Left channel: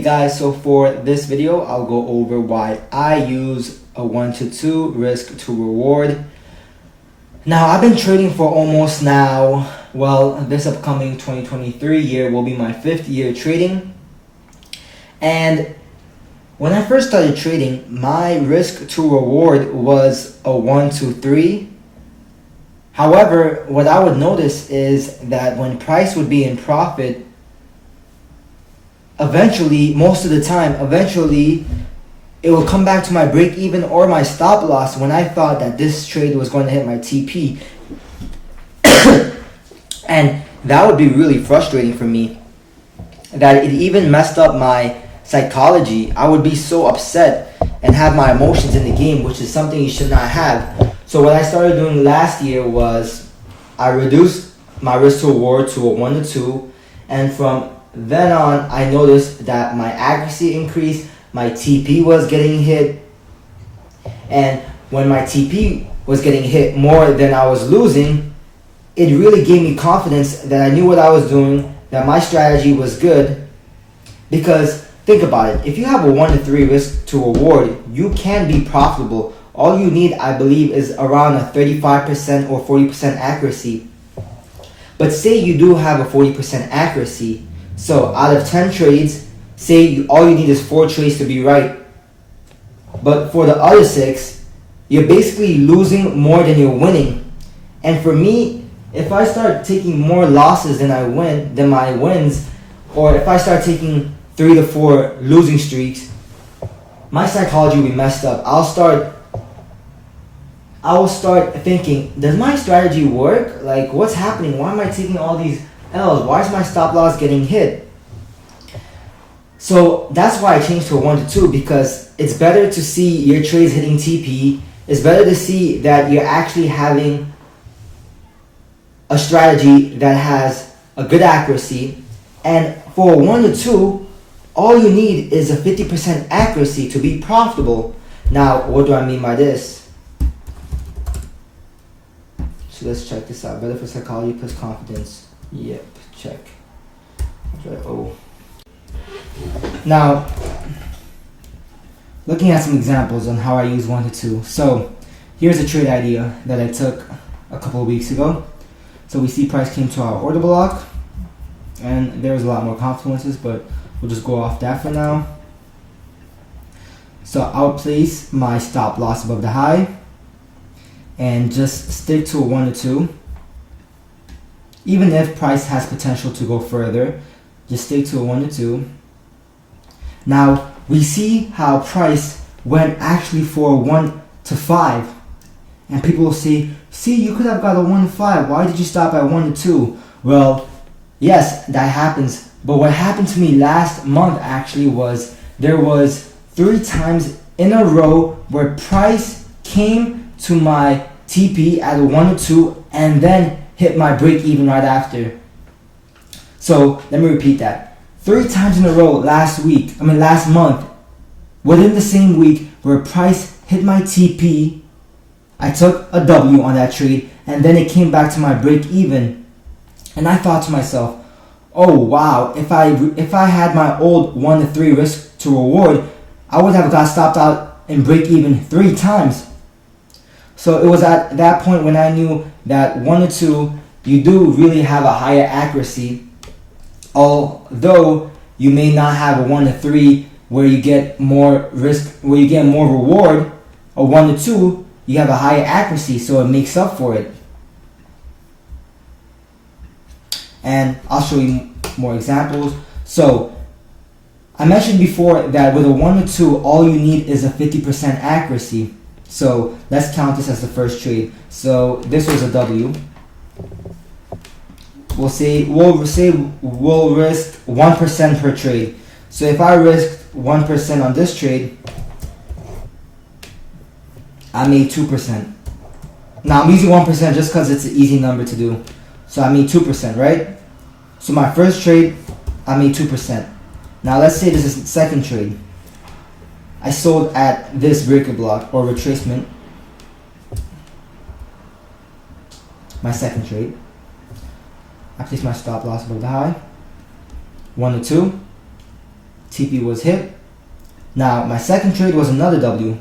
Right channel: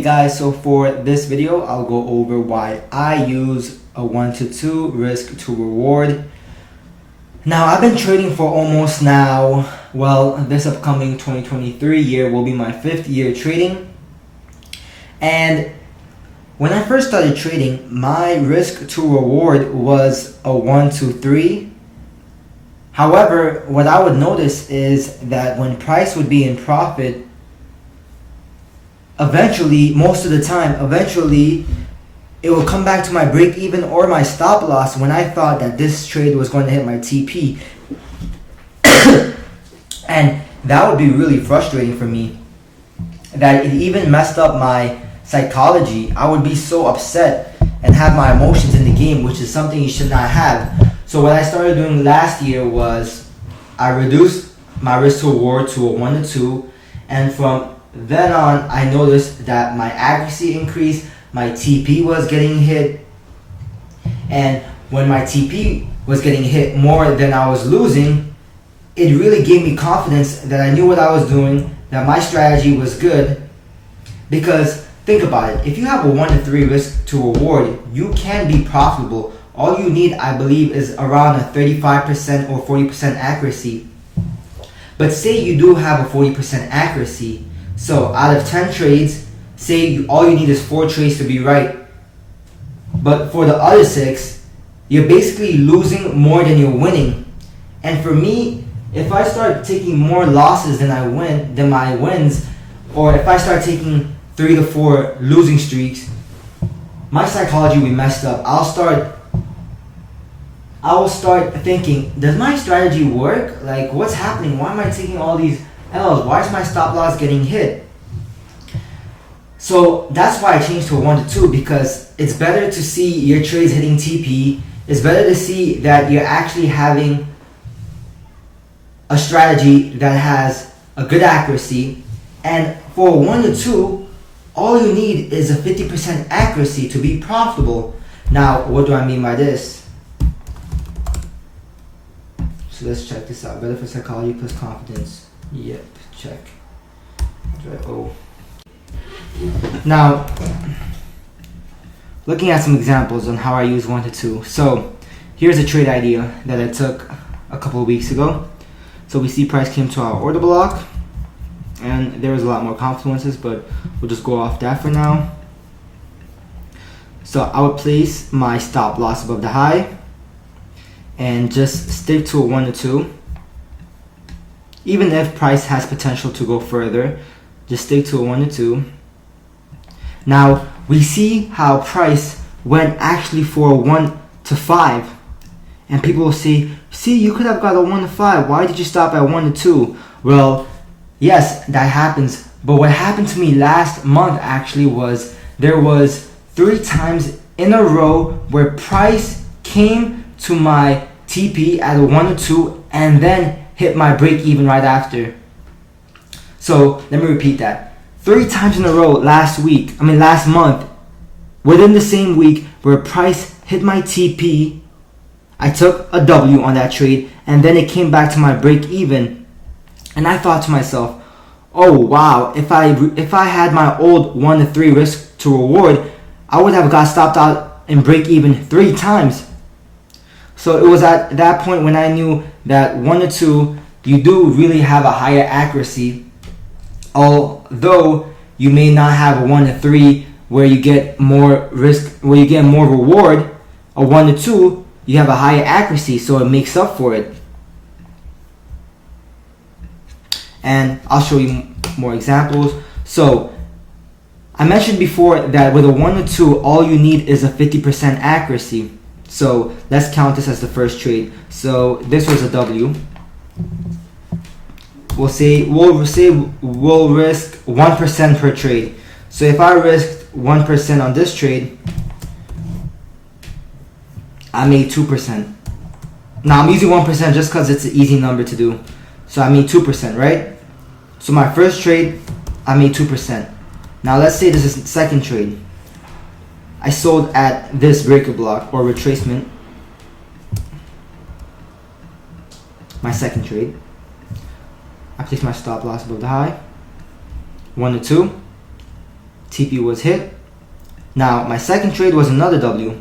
Hey guys, so for this video I'll go over why I use a 1 to 2 risk to reward. Now I've been trading for almost this upcoming 2023 year will be my 5th year trading. And when I first started trading, my risk to reward was a 1 to 3. However, what I would notice is that when price would be in profit, eventually it will come back to my break even or my stop loss when I thought that this trade was going to hit my TP. And that would be really frustrating for me, that it even messed up my psychology. I would be so upset and have my emotions in the game, which is something you should not have. So what I started doing last year was I reduced my risk to reward to a 1 to 2, and from then on, I noticed that my accuracy increased, my TP was getting hit, and when my TP was getting hit more than I was losing, it really gave me confidence that I knew what I was doing, that my strategy was good. Because think about it, if you have a 1 to 3 risk to reward, you can be profitable. All you need, I believe, is around a 35% or 40% accuracy. But say you do have a 40% accuracy, so out of 10 trades, say all you need is 4 trades to be right. But for the other 6, you're basically losing more than you're winning. And for me, if I start taking more losses than my wins, or if I start taking 3 to 4 losing streaks, my psychology will be messed up. I will start thinking, does my strategy work? Like, what's happening? Why am I taking all these L's? Why is my stop loss getting hit? So that's why I changed to a 1 to 2, because it's better to see your trades hitting TP. It's better to see that you're actually having a strategy that has a good accuracy. And for a 1 to 2, all you need is a 50% accuracy to be profitable. Now, what do I mean by this? So let's check this out. Better for psychology plus confidence. Yep, check. Oh. Now, looking at some examples on how I use 1 to 2. So, here's a trade idea that I took a couple of weeks ago. So we see price came to our order block, and there's a lot more confluences, but we'll just go off that for now. So I'll place my stop loss above the high and just stick to a 1 to 2. Even if price has potential to go further, just stick to a 1 to 2. Now, we see how price went actually for a 1 to 5. And people will say, see, you could have got a 1 to 5. Why did you stop at 1 to 2? Well, yes, that happens. But what happened to me last month actually was there was 3 times in a row where price came to my TP at a 1 to 2 and then hit my break even right after. So let me repeat that. 3 times in a row last month, within the same week, where price hit my TP, I took a W on that trade, and then it came back to my break even. And I thought to myself, oh wow, if I had my old 1 to 3 risk to reward, I would have got stopped out in break even 3 times. So it was at that point when I knew that 1 to 2, you do really have a higher accuracy. Although you may not have a 1 to 3 where you get more risk, where you get more reward, a 1 to 2, you have a higher accuracy, so it makes up for it. And I'll show you more examples. So I mentioned before that with a 1 to 2, all you need is a 50% accuracy. So let's count this as the first trade. So this was a W. We'll risk 1% per trade. So if I risked 1% on this trade, I made 2%. Now I'm using 1% just because it's an easy number to do. So I made 2%, right? So my first trade, I made 2%. Now let's say this is the second trade. I sold at this breaker block or retracement. My second trade. I placed my stop loss above the high. 1 to 2. TP was hit. Now my second trade was another W.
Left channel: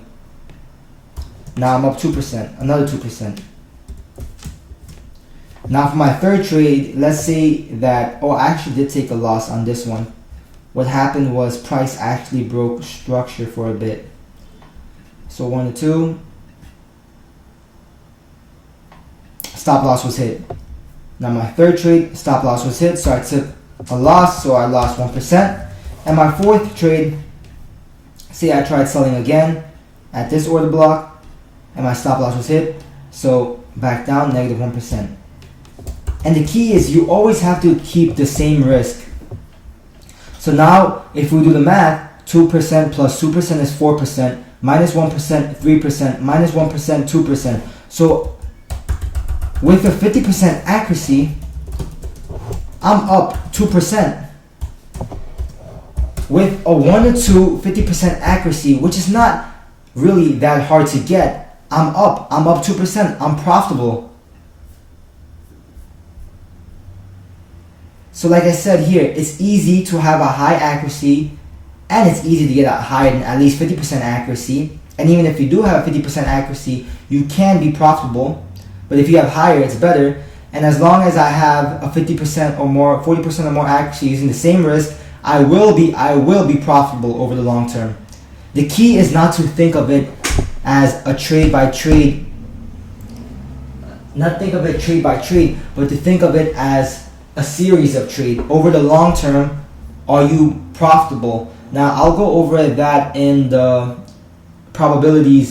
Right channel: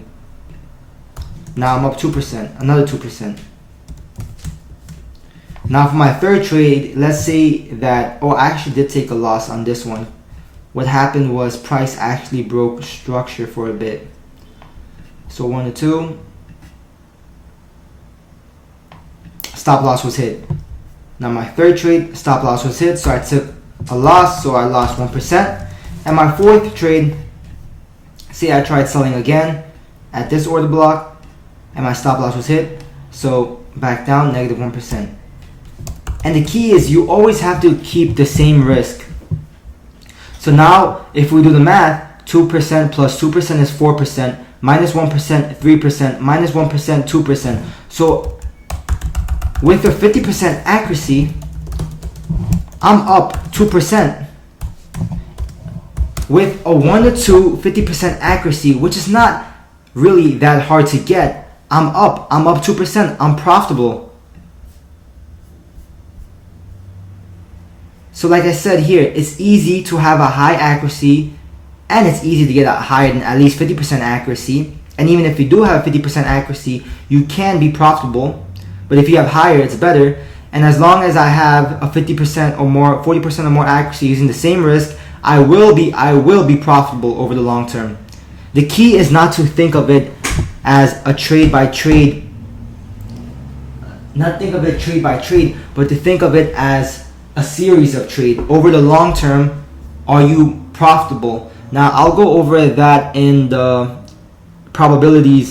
Now I'm up 2%, another 2%. Now for my third trade, let's say that, oh, I actually did take a loss on this one. What happened was price actually broke structure for a bit. So 1 to 2. Stop loss was hit. Now my third trade, stop loss was hit, so I took a loss, so I lost 1%. And my fourth trade, say I tried selling again at this order block, and my stop loss was hit, so back down, negative 1%. And the key is you always have to keep the same risk. So now, if we do the math, 2% plus 2% is 4%, minus 1%, 3%, minus 1%, 2%. So with a 50% accuracy, I'm up 2%. With a 1 to 2, 50% accuracy, which is not really that hard to get, I'm up 2%, I'm profitable. So like I said here, it's easy to have a high accuracy, and it's easy to get a higher than at least 50% accuracy. And even if you do have 50% accuracy, you can be profitable. But if you have higher, it's better. And as long as I have a 50% or more, 40% or more accuracy using the same risk, I will be profitable over the long term. The key is not to think of it as a trade by trade, but to think of it as a series of trades. Over the long term, are you profitable? Now I'll go over that in the probability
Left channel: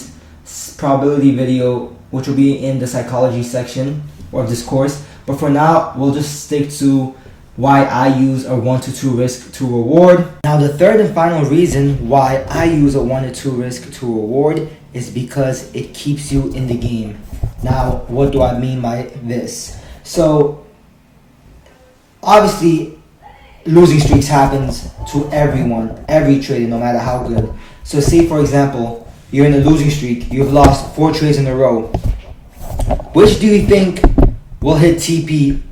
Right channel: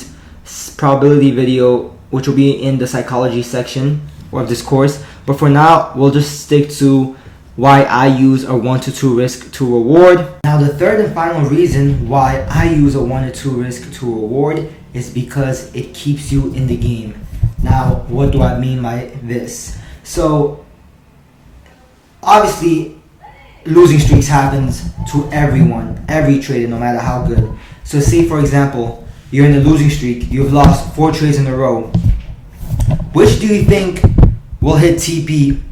video, which will be in the psychology section of this course. But for now, we'll just stick to why I use a 1 to 2 risk to reward. Now the third and final reason why I use a 1 to 2 risk to reward is because it keeps you in the game. Now what do I mean by this? So obviously, losing streaks happens to everyone, every trader, no matter how good. So say for example, you're in a losing streak, you've lost 4 trades in a row. Which do you think will hit TP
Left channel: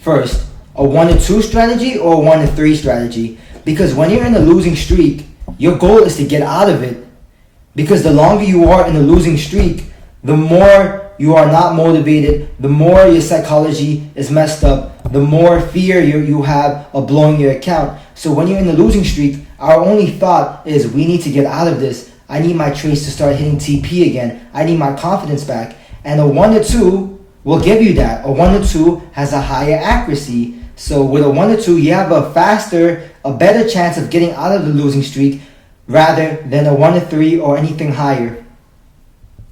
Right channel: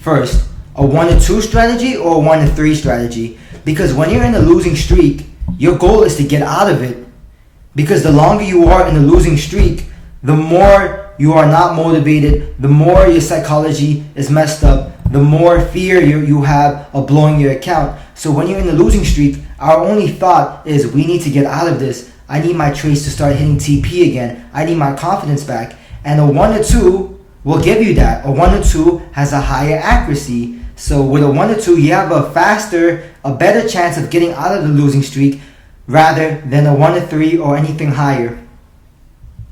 first? A 1 to 2 strategy or a 1 to 3 strategy? Because when you're in a losing streak, your goal is to get out of it. Because the longer you are in a losing streak, the more you are not motivated, the more your psychology is messed up, the more fear you have of blowing your account. So when you're in a losing streak, our only thought is we need to get out of this. I need my trades to start hitting TP again. I need my confidence back. And a 1 to 2 will give you that. A 1 to 2 has a higher accuracy. So with a 1 to 2, you have a better chance of getting out of the losing streak rather than a 1 to 3 or anything higher.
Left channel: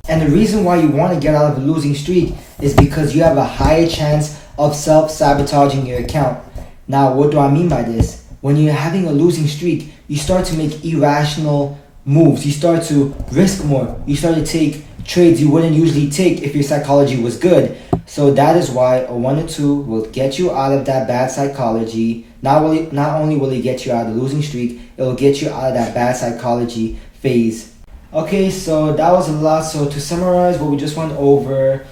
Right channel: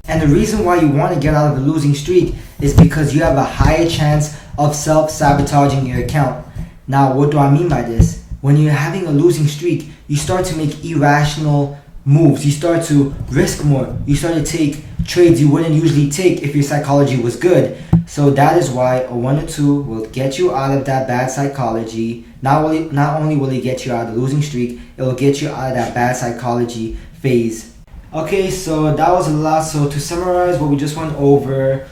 And the reason why you want to get out of the losing streak is because you have a higher chance of self-sabotaging your account. Now, what do I mean by this? When you're having a losing streak, you start to make irrational moves. You start to risk more. You start to take trades you wouldn't usually take if your psychology was good. So that is why a 1 to 2 will get you out of that bad psychology. Not only will it get you out of the losing streak, it will get you out of that bad psychology phase. Okay, so that was a lot. So to summarize what we just went over,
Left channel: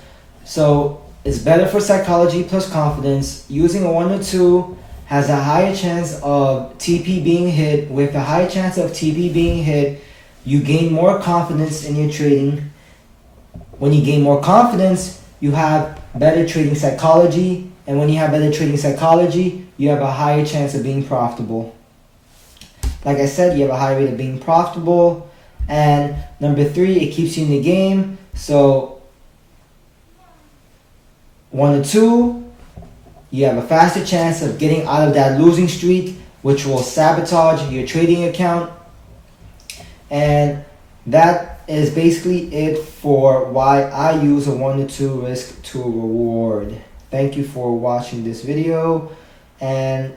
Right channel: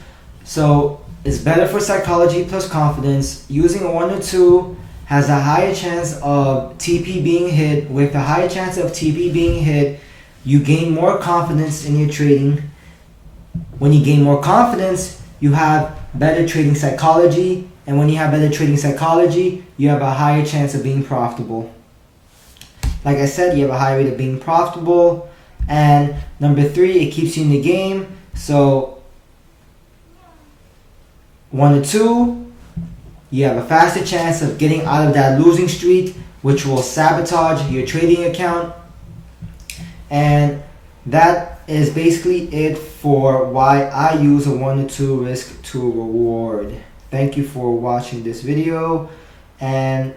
so it's better for psychology plus confidence. Using a 1 to 2 has a higher chance of TP being hit. With a higher chance of TP being hit, you gain more confidence in your trading. When you gain more confidence, you have better trading psychology. And when you have better trading psychology, you have a higher chance of being profitable. Like I said, you have a higher rate of being profitable. And number 3, it keeps you in the game. So 1 to 2, you have a faster chance of getting out of that losing streak, which will sabotage your trading account. And that is basically it for why I use a 1 to 2 risk to reward. Thank you for watching this video. And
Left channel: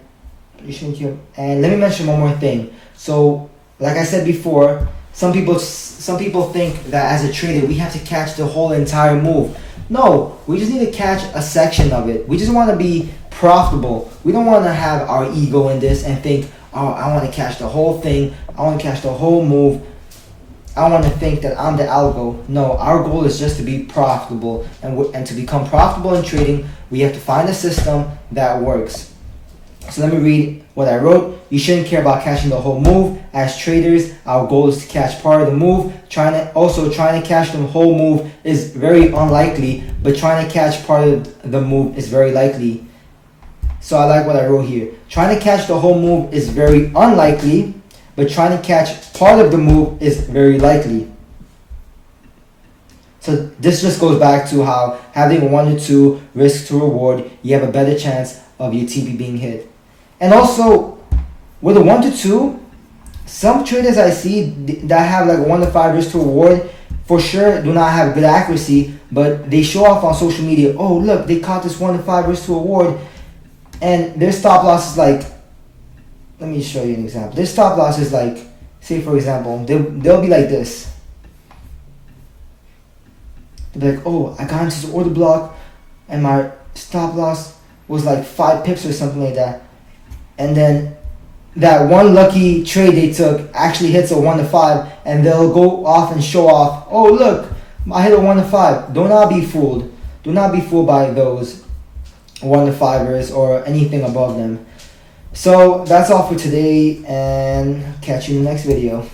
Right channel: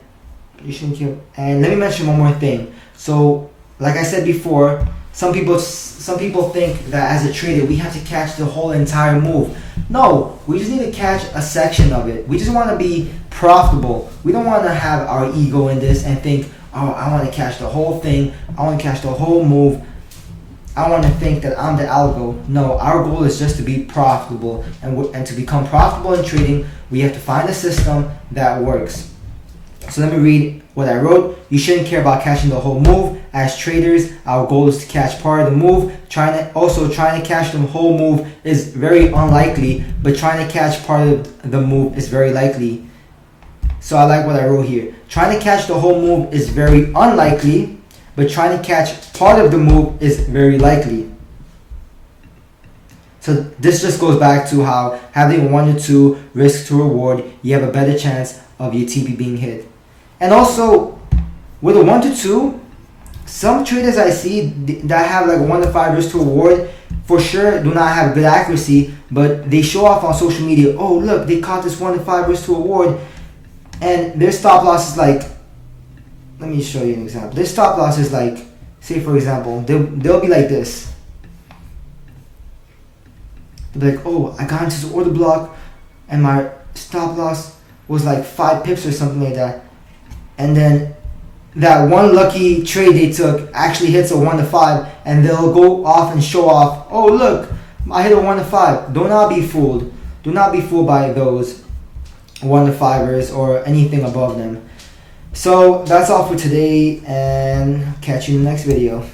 let me mention one more thing. So like I said before, some people think that as a trader we have to catch the whole entire move. No, we just need to catch a section of it. We just want to be profitable. We don't want to have our ego in this and think, oh, I want to catch the whole thing. I want to catch the whole move. I want to think that I'm the algo. No, our goal is just to be profitable. And to become profitable in trading, we have to find a system that works. So let me read what I wrote. You shouldn't care about catching the whole move. As traders, our goal is to catch part of the move. Trying to catch the whole move is very unlikely, but trying to catch part of the move is very likely. So I like what I wrote here. Trying to catch the whole move is very unlikely, but trying to catch part of the move is very likely. So this just goes back to how having 1 to 2 risk to reward, you have a better chance of your TP being hit. And also, with a 1 to 2, some traders I see that have like 1 to 5 risk to reward, for sure do not have good accuracy, but they show off on social media, oh look, they caught this 1 to 5 risk to reward, and their stop loss is like, let me show you an example. Their stop loss is like, say for example, they'll be like this. They'll be like, oh, I got into the order block, and my stop loss was like 5 pips or something like that. And then that one lucky trade they took actually hits a 1 to 5, and they'll go off and show off, oh look, I hit a 1 to 5. Do not be fooled. Do not be fooled by those 1 to 5ers or anything above them. So that's all for today, and catch you in the next video.